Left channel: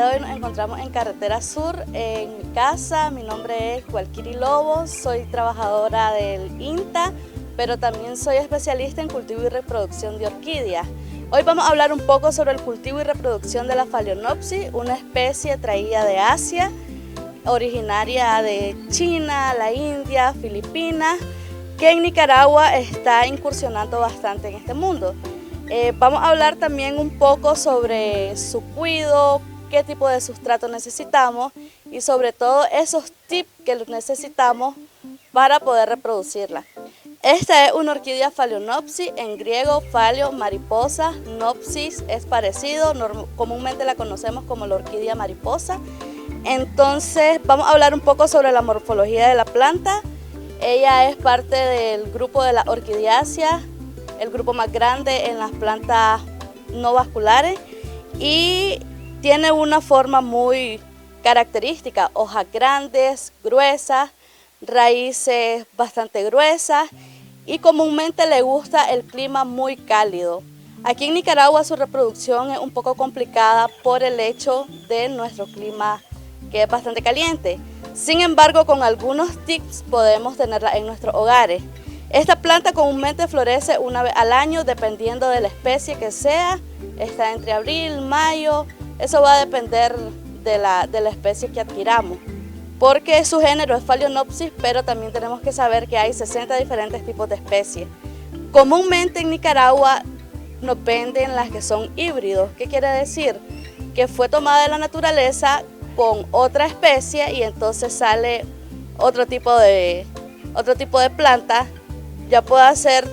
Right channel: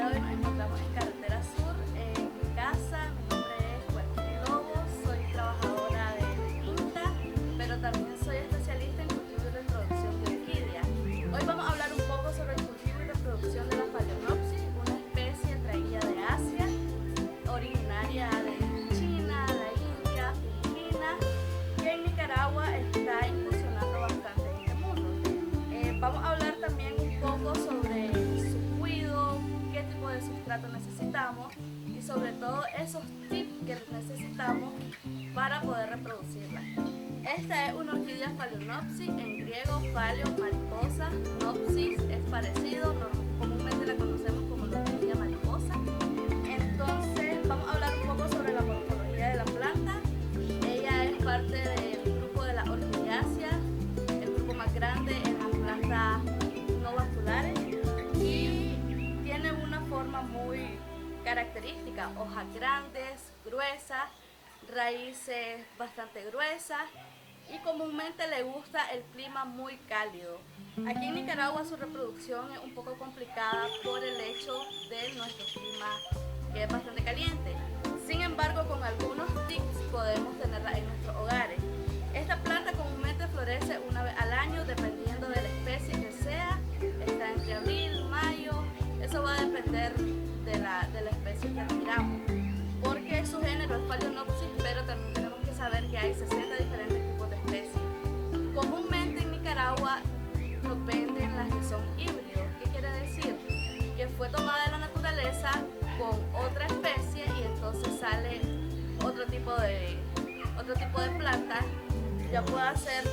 día de hoy nos encontramos en Carretera Sur, en mi casa. Mi nombre es Gualquiri Lobos, soy trabajadora del INTA, pero también soy especialista en cultivo y reproducción de orquídeas. Hoy vamos a hablar un poco sobre el cultivo y reproducción de la Phalaenopsis, una especie traída de Asia, originaria de China, la India, Filipinas, que en Nicaragua está incursionando bastante en este mundo. Vamos a hablar también un poco sobre su cuidado, qué tipo de sustrato necesitamos y sobre todo esos tips que necesitamos para poder reproducirla. Esta es una orquídea Phalaenopsis, en griego Phaleo, mariposa, Nopsis es parecido, comúnmente la conocemos como la orquídea mariposa. Entonces vamos a hablar un poco sobre la morfología de la planta. Ella es parte del grupo de las orquidiáceas, el grupo más grande en las plantas no vasculares, y tiene una forma muy característica: hojas grandes, gruesas, raíces bastante gruesas, y comúnmente le gusta el clima muy cálido. Aquí en Nicaragua su reproducción es un poco complicada por el hecho de nuestro clima, que es bastante caliente. Sin embargo, con algunos tips podemos tenerla en nuestros hogares. Esta planta comúnmente florece una vez al año, dependiendo de la especie que sea. Está entre abril, mayo, eso va a depender de la especie que adquiramos, porque su género es Phalaenopsis, pero también tenemos que saber que hay 60 diferentes tipos de especies. Comúnmente en Nicaragua nos venden las que son híbridos. ¿Qué quiere decir? Que fue tomada de la naturaleza con otra especie y entonces sale otro tipo de planta. Ya puede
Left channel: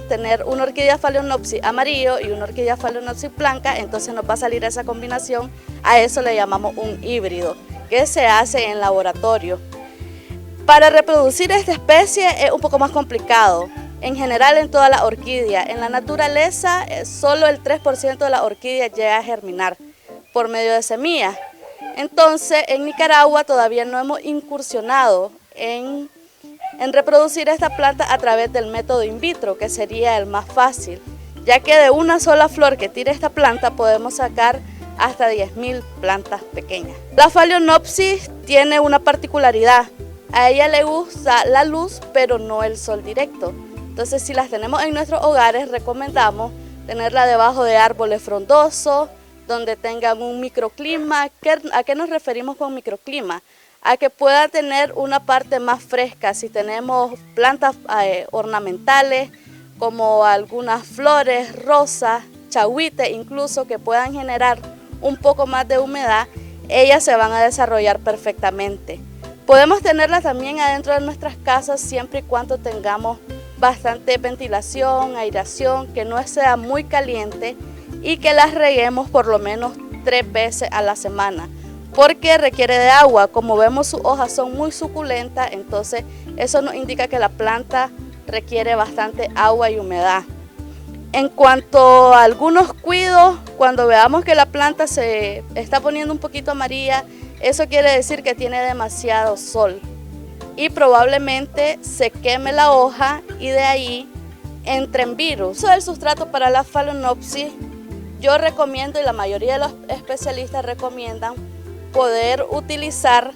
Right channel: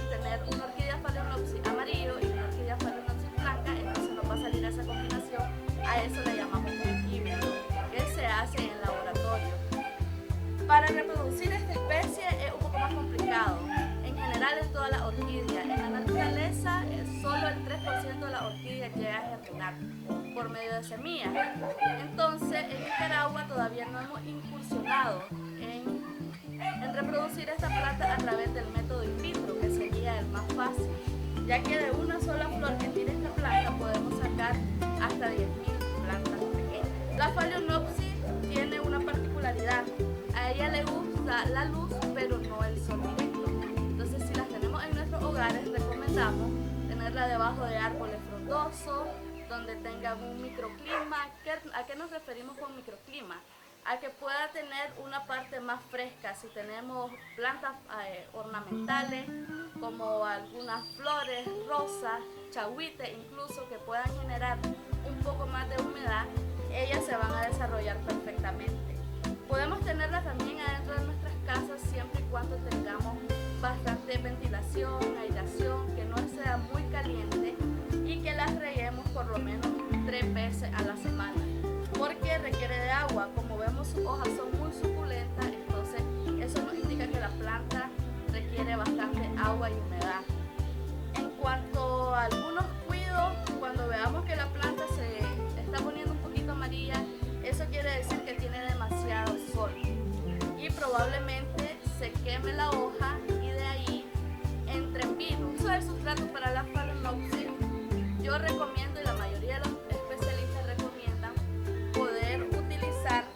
tener una orquídea Phalaenopsis amarillo y una orquídea Phalaenopsis blanca, entonces nos va a salir esa combinación. A eso le llamamos un híbrido, que se hace en laboratorio. Para reproducir esta especie es un poco más complicado. En general en toda la orquídea, en la naturaleza solo el 3% de la orquídea llega a germinar por medio de semillas. Entonces en Nicaragua todavía no hemos incursionado en reproducir esta planta a través del método in vitro, que sería el más fácil, ya que de una sola flor que tire esta planta podemos sacar hasta 10.000 plantas pequeñas. La Phalaenopsis tiene una particularidad: a ella le gusta la luz, pero no el sol directo. Entonces, si las tenemos en nuestros hogares, recomendamos tenerla debajo de árboles frondosos, donde tengan un microclima. ¿A qué nos referimos con microclima? A que pueda tener una parte más fresca. Si tenemos plantas ornamentales, como algunas flores, rosas, chagüites incluso, que puedan generar un poco más de humedad, ellas se van a desarrollar perfectamente. Podemos tenerlas también adentro de nuestras casas siempre y cuando tengamos bastante ventilación, aireación, que no sea muy caliente, y que las reguemos por lo menos 3 veces a la semana, porque requiere de agua. Como vemos, sus hojas son muy suculentas, entonces eso nos indica que la planta requiere bastante agua y humedad. En cuanto a algunos cuidados, cuando veamos que la planta se está poniendo un poquito amarilla, eso quiere decir que tiene demasiado sol y probablemente se queme la hoja y de ahí entren virus. Eso del sustrato para la Phalaenopsis, yo recomiendo, y la mayoría de los especialistas recomiendan, poder utilizar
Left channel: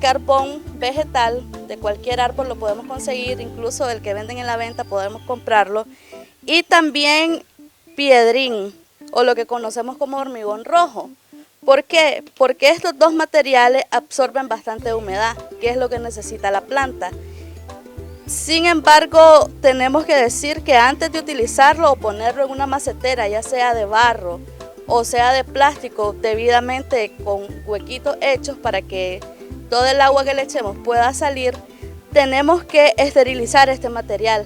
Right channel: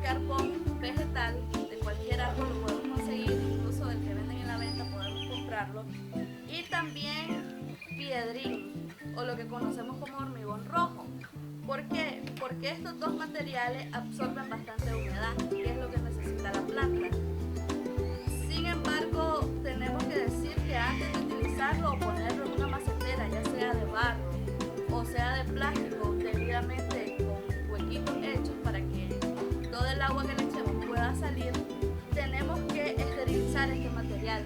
carbón vegetal de cualquier árbol, lo podemos conseguir, incluso del que venden en la venta podemos comprarlo, y también piedrín, o lo que conocemos como hormigón rojo. ¿Por qué? Porque estos dos materiales absorben bastante humedad, que es lo que necesita la planta. Sin embargo, tenemos que decir que antes de utilizarlo o ponerlo en una macetera, ya sea de barro o sea de plástico, debidamente con huequitos hechos para que todo el agua que le echemos pueda salir, tenemos que esterilizar este material.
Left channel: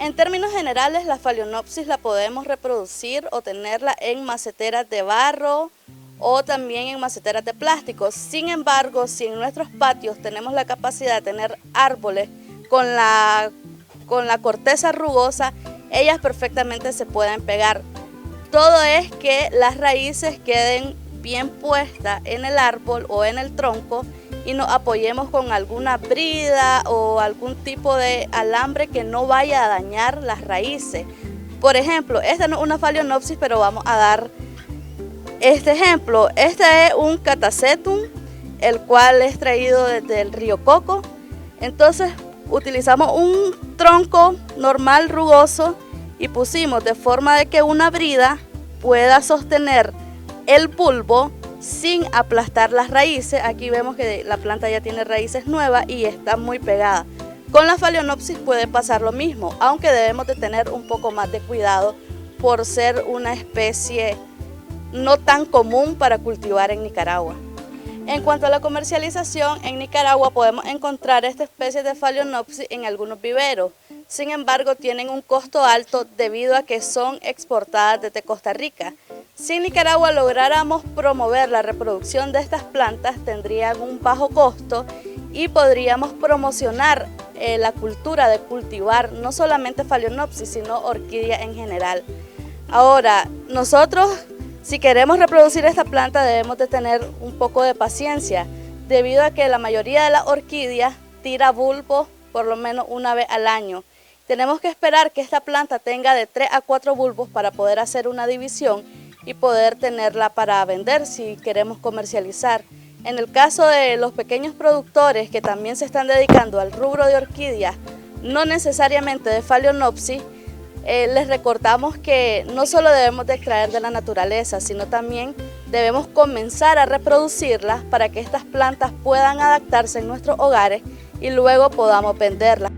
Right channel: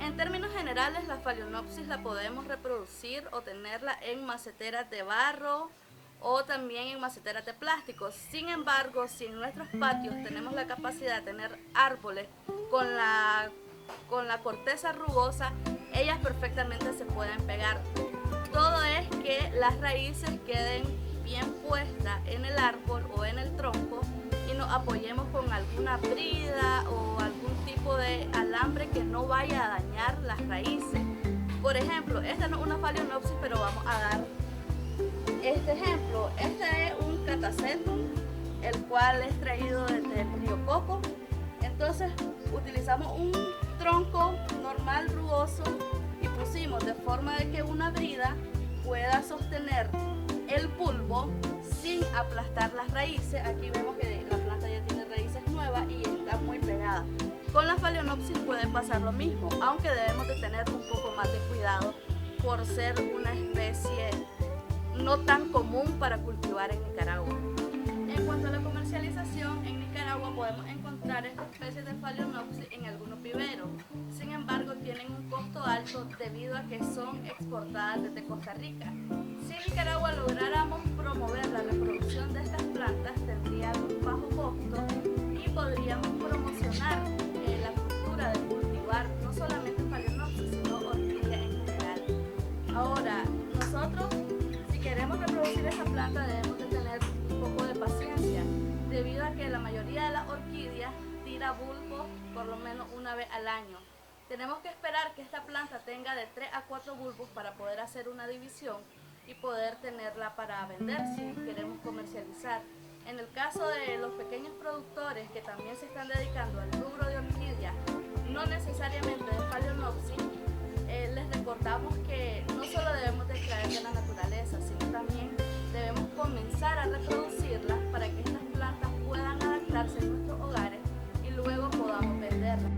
En términos generales, la Phalaenopsis la podemos reproducir o tenerla en maceteras de barro o también en maceteras de plástico. Sin embargo, si en nuestros patios tenemos la capacidad de tener árboles con la corteza rugosa, ellas perfectamente se pueden pegar. Todo es que las raíces queden bien puestas en el árbol o en el tronco y nos apoyemos con alguna brida o algún tipo de alambre que no vaya a dañar las raíces. Por ejemplo, esta no es una Phalaenopsis, pero vamos a dar Este ejemplo, este es un catasetum, el cual es traído desde el río Coco. Entonces utilizamos un tronco normal rugoso y pusimos de forma de que una brida pueda sostener el bulbo sin aplastar las raíces. Aquí vemos que la planta ya tiene raíces nuevas y está muy pegada. Con la Phalaenopsis puede pasar lo mismo, aunque debemos de tener un poco más de cuidado por ser una especie no tan común para cultivar en Nicaragua. En cuanto a la comercialización, en Nicaragua podemos encontrar esta especie de Phalaenopsis en algunos viveros. Sin embargo, tienen un costo alto debido a que son exportadas desde Costa Rica. Si en Nicaragua lográramos promover la reproducción de estas plantas, tendrían un bajo costo y podríamos promocionar la cultura de cultivar no solamente Phalaenopsis, sino orquídeas en general. Ahora, nosotros, si queremos reproducir esta planta, debemos de tener un poco de paciencia, debido a que la mayoría de las orquídeas tira bulbos por lo menos una vez al año. Tenemos que esperar que esta planta tenga de 3 a 4 bulbos para poder hacer una división y poder tenerla para vender si queremos comercializar. En el caso de los pequeños productores que también se están dedicando al rubro de orquídeas, no necesariamente de Phalaenopsis, les recordamos que no solo debemos de extraer de la naturaleza, sino también debemos comenzar a reproducirlas para que estas plantas puedan adaptarse en nuestros hogares y luego podamos venderlas.